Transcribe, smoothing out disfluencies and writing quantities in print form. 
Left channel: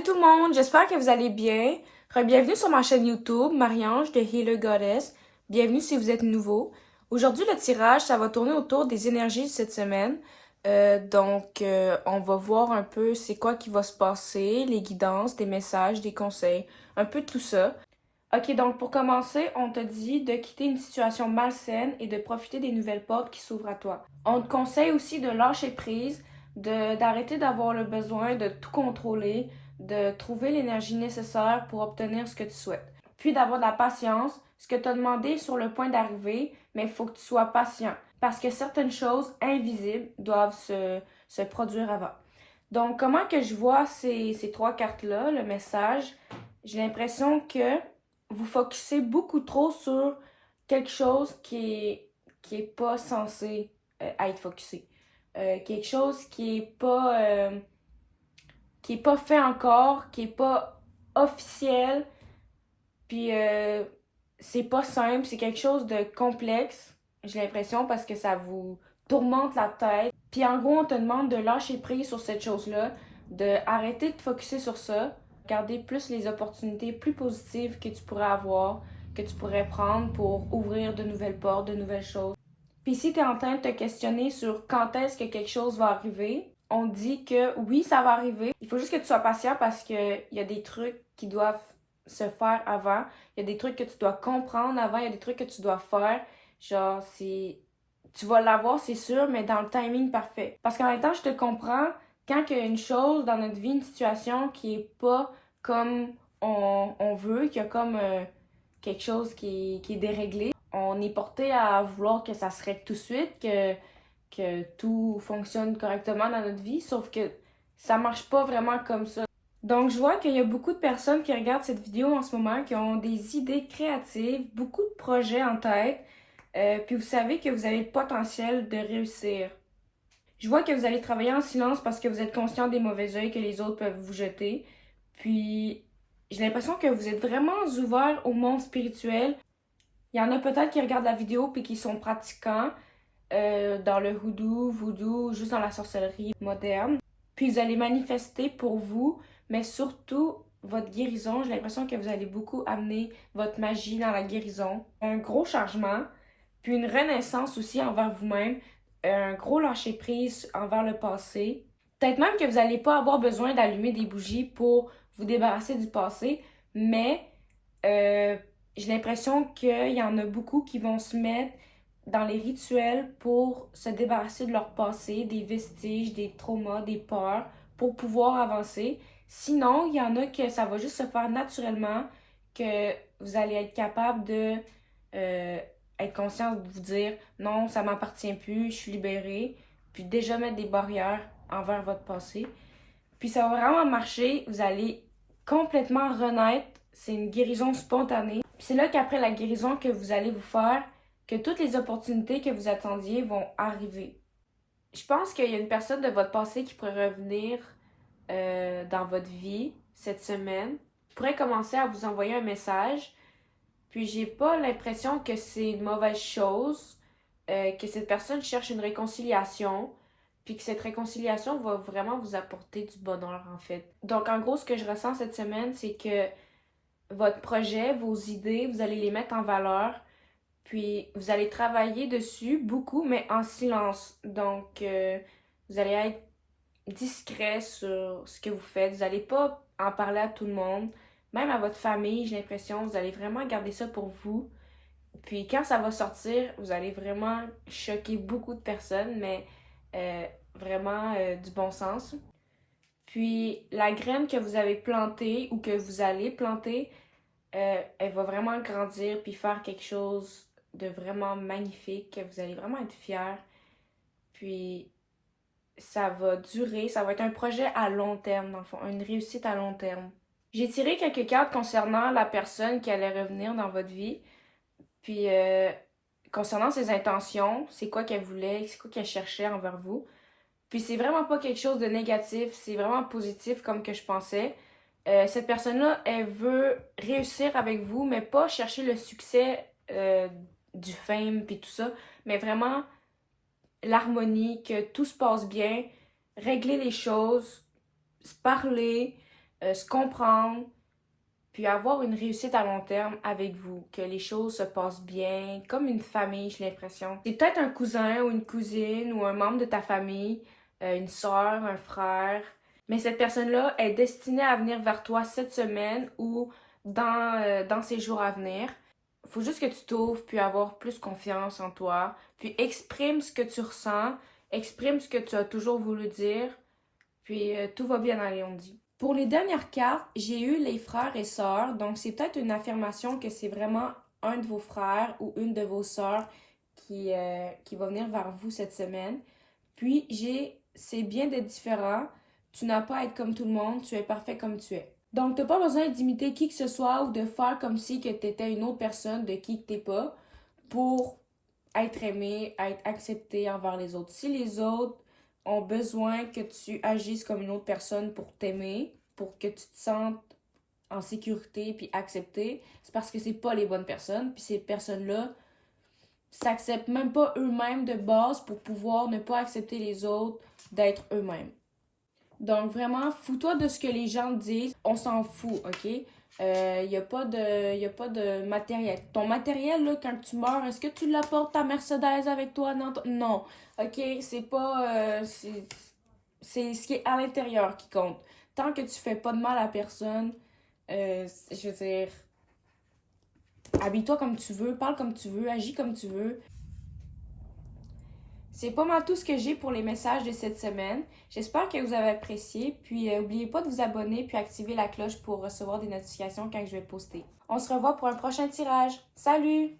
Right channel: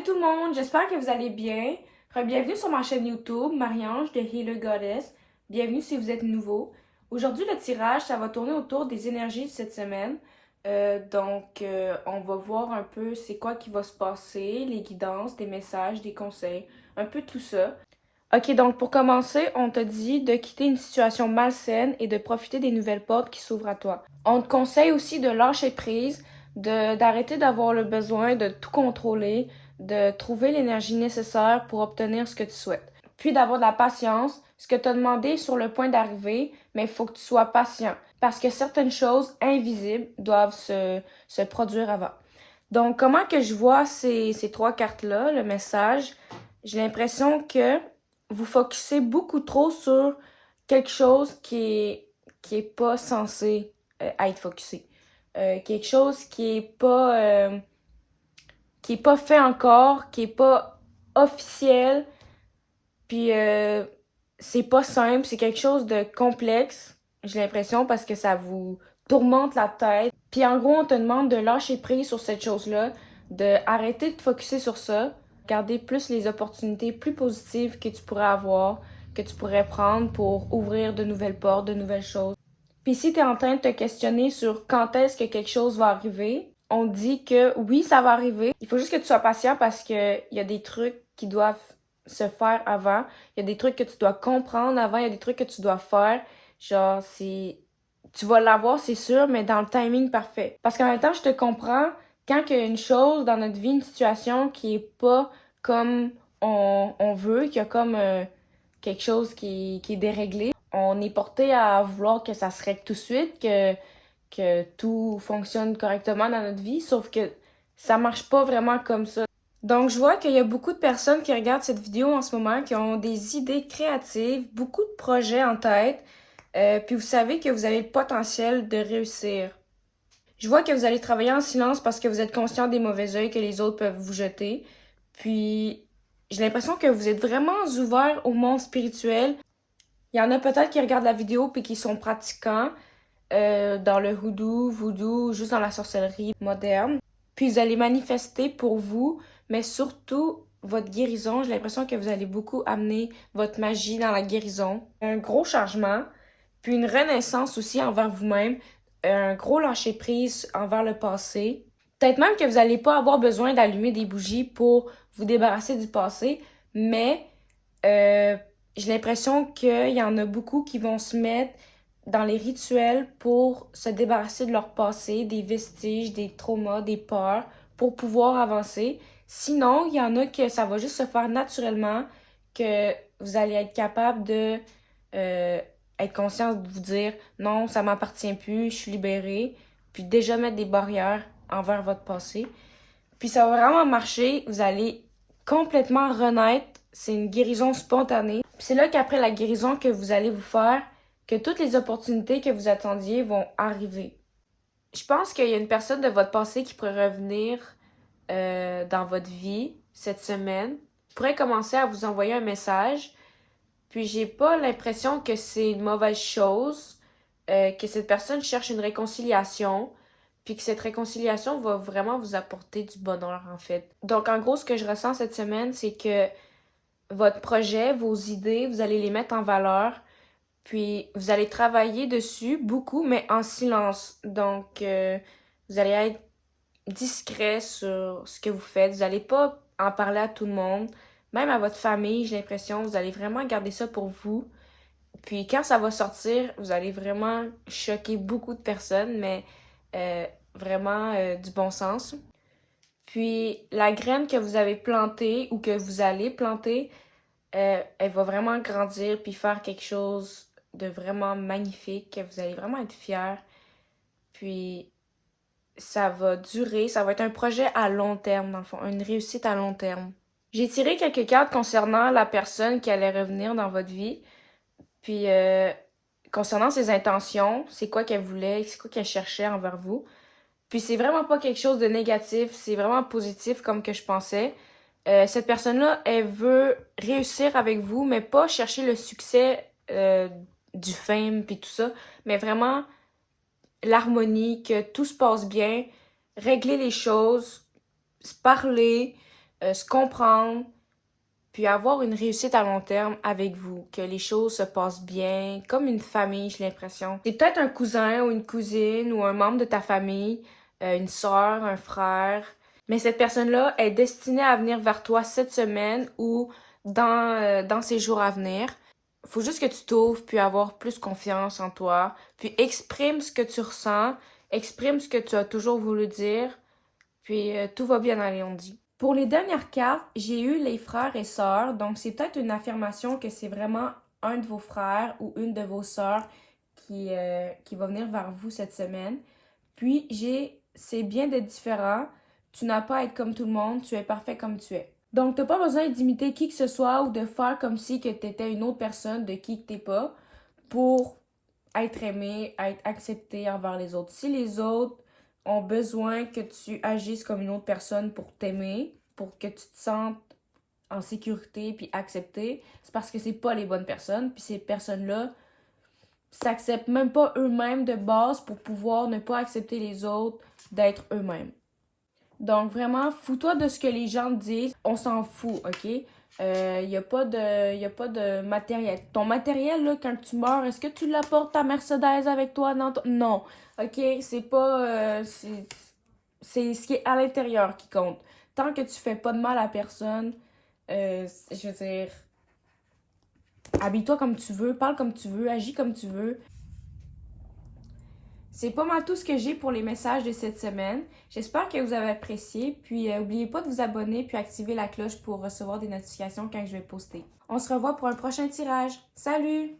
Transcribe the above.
Salut tout le monde, j'espère que vous allez bien. Bienvenue sur ma chaîne YouTube, Marie-Ange de Healer Goddess. Bienvenue si vous êtes nouveau. Aujourd'hui, le tirage, ça va tourner autour des énergies de cette semaine. On va voir un peu c'est quoi qui va se passer, les guidances, des messages, des conseils, un peu de tout ça. Ok, donc pour commencer, on te dit de quitter une situation malsaine et de profiter des nouvelles portes qui s'ouvrent à toi. On te conseille aussi de lâcher prise, d'arrêter d'avoir le besoin de tout contrôler, de trouver l'énergie nécessaire pour obtenir ce que tu souhaites. Puis d'avoir de la patience. Ce que tu as demandé est sur le point d'arriver, mais il faut que tu sois patient parce que certaines choses invisibles doivent se produire avant. Donc, comment que je vois ces trois cartes-là, le message, j'ai l'impression que vous focussez beaucoup trop sur quelque chose qui est pas censé être focusé. Quelque chose qui est pas fait encore, qui est pas officiel, puis c'est pas simple, c'est quelque chose de complexe, j'ai l'impression, parce que ça vous tourmente la tête. Puis en gros, on te demande de lâcher prise sur cette chose-là, de arrêter de te focuser sur ça, regarder plus les opportunités plus positives que tu pourrais avoir, que tu pourrais prendre pour ouvrir de nouvelles portes, de nouvelles choses. Puis si tu es en train de te questionner sur quand est-ce que quelque chose va arriver, on dit que oui, ça va arriver. Il faut juste que tu sois patient parce qu'il y a des trucs qui doivent se faire avant. Il y a des trucs que tu dois comprendre avant. Il y a des trucs que tu dois faire. Genre, c'est... Tu vas l'avoir, c'est sûr, mais dans le timing parfait. Parce qu'en même temps, je te comprends, quand il y a une chose dans notre vie, une situation qui est pas comme on veut, qu'il y a comme quelque chose qui est déréglé, on est porté à vouloir que ça se règle tout de suite, que tout fonctionne correctement dans notre vie, sauf que ça marche pas vraiment comme ça. Donc, je vois qu'il y a beaucoup de personnes qui regardent cette vidéo en ce moment, qui ont des idées créatives, beaucoup de projets en tête, puis vous savez que vous avez le potentiel de réussir. Je vois que vous allez travailler en silence parce que vous êtes conscient des mauvais œils que les autres peuvent vous jeter. Puis, j'ai l'impression que vous êtes vraiment ouvert au monde spirituel. Il y en a peut-être qui regardent la vidéo puis qui sont pratiquants dans le hoodoo, voodoo, juste dans la sorcellerie moderne. Puis vous allez manifester pour vous, mais surtout votre guérison. J'ai l'impression que vous allez beaucoup amener votre magie dans la guérison. Un gros changement, puis une renaissance aussi envers vous-même, un gros lâcher-prise envers le passé. Peut-être même que vous n'allez pas avoir besoin d'allumer des bougies pour vous débarrasser du passé, mais euh, j'ai l'impression qu'il y en a beaucoup qui vont se mettre dans les rituels pour se débarrasser de leur passé, des vestiges, des traumas, des peurs, pour pouvoir avancer. Sinon, il y en a que ça va juste se faire naturellement, que vous allez être capable de euh, être conscient de vous dire non, ça m'appartient plus, je suis libérée, puis déjà mettre des barrières envers votre passé. Puis ça va vraiment marcher, vous allez complètement renaître, c'est une guérison spontanée. Puis c'est là qu'après la guérison que vous allez vous faire, que toutes les opportunités que vous attendiez vont arriver. Je pense qu'il y a une personne de votre passé qui pourrait revenir dans votre vie cette semaine. Je pourrais commencer à vous envoyer un message. Puis j'ai pas l'impression que c'est une mauvaise chose, que cette personne cherche une réconciliation, puis que cette réconciliation va vraiment vous apporter du bonheur en fait. Donc en gros, ce que je ressens cette semaine, c'est que votre projet, vos idées, vous allez les mettre en valeur, puis vous allez travailler dessus beaucoup, mais en silence. Donc vous allez être discret sur ce que vous faites. Vous n'allez pas en parler à tout le monde, même à votre famille, j'ai l'impression. Vous allez vraiment garder ça pour vous. Puis quand ça va sortir, vous allez vraiment choquer beaucoup de personnes, mais vraiment du bon sens. Puis la graine que vous avez plantée ou que vous allez planter, elle va vraiment grandir puis faire quelque chose de vraiment magnifique, que vous allez vraiment être fiers. Puis ça va durer, ça va être un projet à long terme, dans le fond, une réussite à long terme. J'ai tiré quelques cartes concernant la personne qui allait revenir dans votre vie, puis concernant ses intentions, c'est quoi qu'elle voulait, c'est quoi qu'elle cherchait envers vous. Puis c'est vraiment pas quelque chose de négatif, c'est vraiment positif comme que je pensais. Cette personne-là, elle veut réussir avec vous, mais pas chercher le succès du fame puis tout ça, mais vraiment l'harmonie, que tout se passe bien, régler les choses, se parler, se comprendre, puis avoir une réussite à long terme avec vous, que les choses se passent bien, comme une famille, j'ai l'impression. C'est peut-être un cousin ou une cousine ou un membre de ta famille, une soeur, un frère, mais cette personne-là est destinée à venir vers toi cette semaine ou dans ces jours à venir. Faut juste que tu t'ouvres, puis avoir plus confiance en toi, puis exprime ce que tu ressens, exprime ce que tu as toujours voulu dire, puis tout va bien aller, on dit. Pour les dernières cartes, j'ai eu les frères et sœurs, donc c'est peut-être une affirmation que c'est vraiment un de vos frères ou une de vos sœurs qui va venir vers vous cette semaine. Puis c'est bien d'être différent, tu n'as pas à être comme tout le monde, tu es parfait comme tu es. Donc, t'as pas besoin d'imiter qui que ce soit ou de faire comme si que t'étais une autre personne de qui que t'es pas pour être aimé, être accepté envers les autres. Si les autres ont besoin que tu agisses comme une autre personne pour t'aimer, pour que tu te sentes en sécurité puis accepté, c'est parce que c'est pas les bonnes personnes. Puis ces personnes-là s'acceptent même pas eux-mêmes de base pour pouvoir ne pas accepter les autres d'être eux-mêmes. Donc vraiment, fous-toi de ce que les gens te disent. On s'en fout, OK? Y a pas de, y a pas de matériel. Ton matériel, là, quand tu meurs, est-ce que tu l'apportes ta Mercedes avec toi? Non. OK? C'est pas... c'est ce qui est à l'intérieur qui compte. Tant que tu fais pas de mal à personne, je veux dire, habille-toi comme tu veux, parle comme tu veux, agis comme tu veux. C'est pas mal tout ce que j'ai pour les messages de cette semaine. J'espère que vous avez apprécié. Puis n'oubliez pas de vous abonner puis activer la cloche pour recevoir des notifications quand je vais poster. On se revoit pour un prochain tirage. Salut!